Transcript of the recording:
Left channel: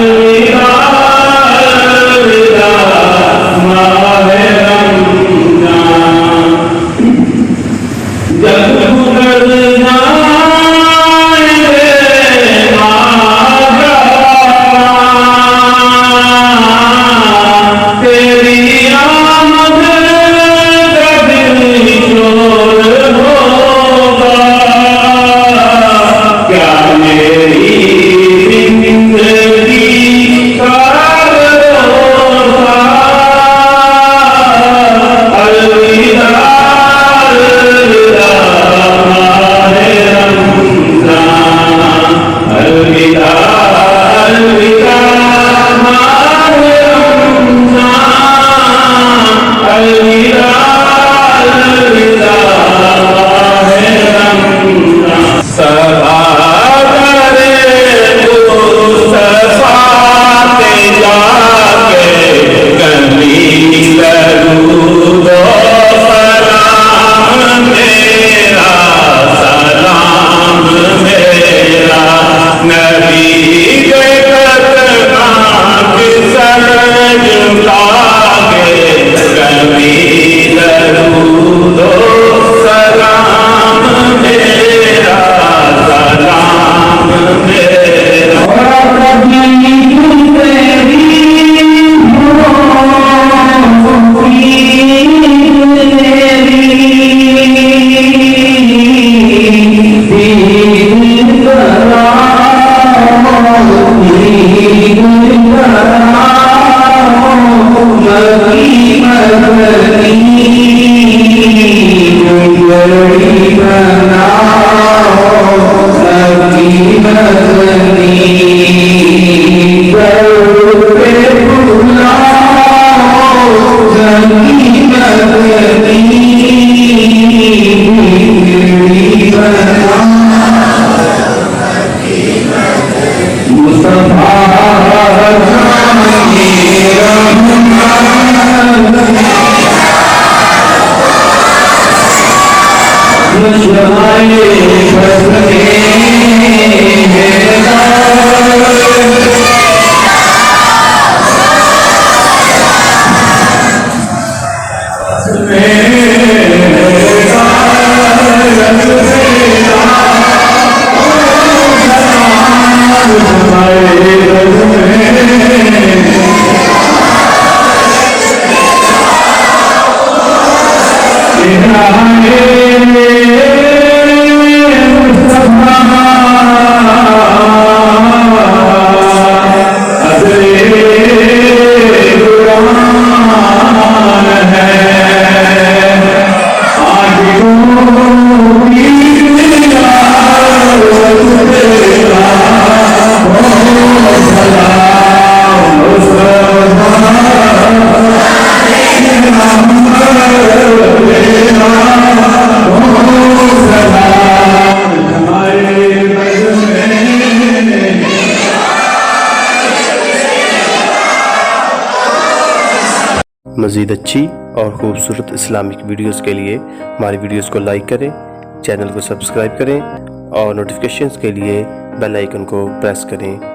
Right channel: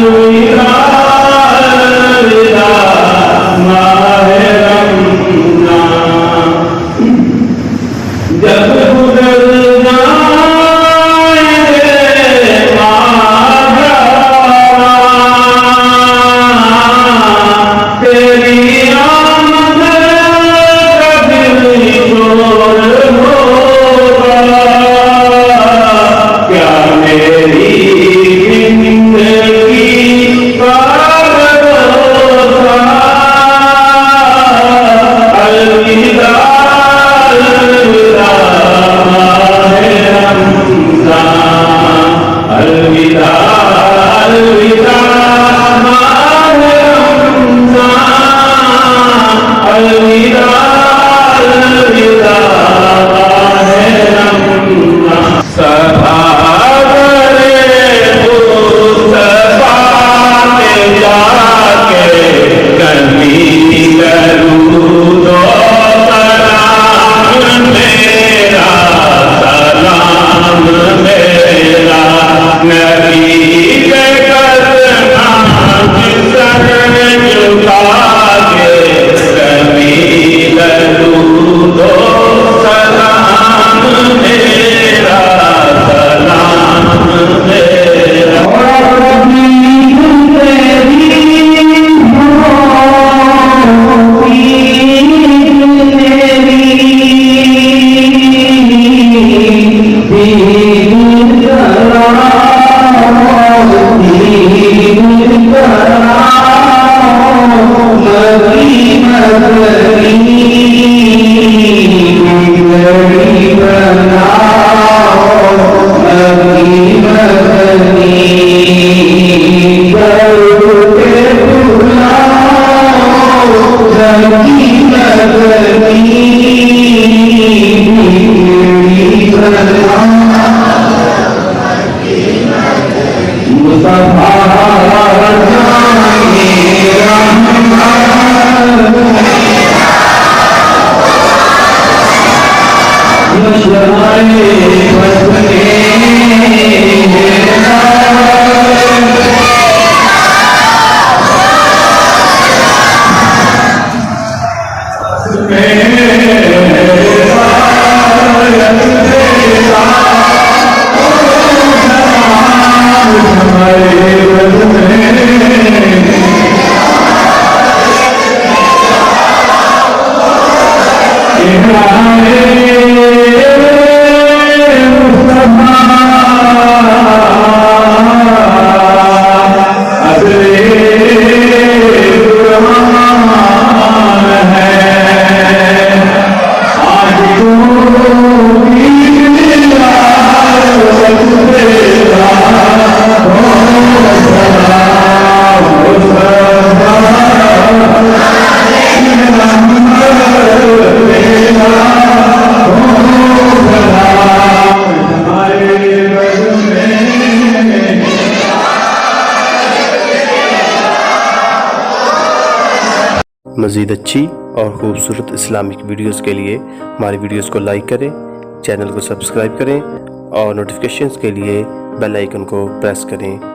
अलविदा अलविदा माहे रमजान। जब गुजर जाए रे आगा तेरी आमद का दिल शोर होगा। क्या मेरी जिंदगी का भरोसा। अलविदा अलविदा माहे रमजान। अलविदा अलविदा माहे रमजान। अलविदा अलविदा माहे रमजान। सफा करे मुस्तफा पे जाके कभी दरूदो सलाम मेरा सलाम मेरा। नबी के कदमां सर झुका के कभी दरूदो सलाम मेरा सलाम मेरा। मज़ीद अच्छी और ख़ूबसूरत इस्लामिक वीडियोज़ के लिए हमारी वीडियोज़ को लाइक करें, चैनल को सब्सक्राइब करें और नोटिफिकेशंस के लिए बेल आइकन को प्रेस करें।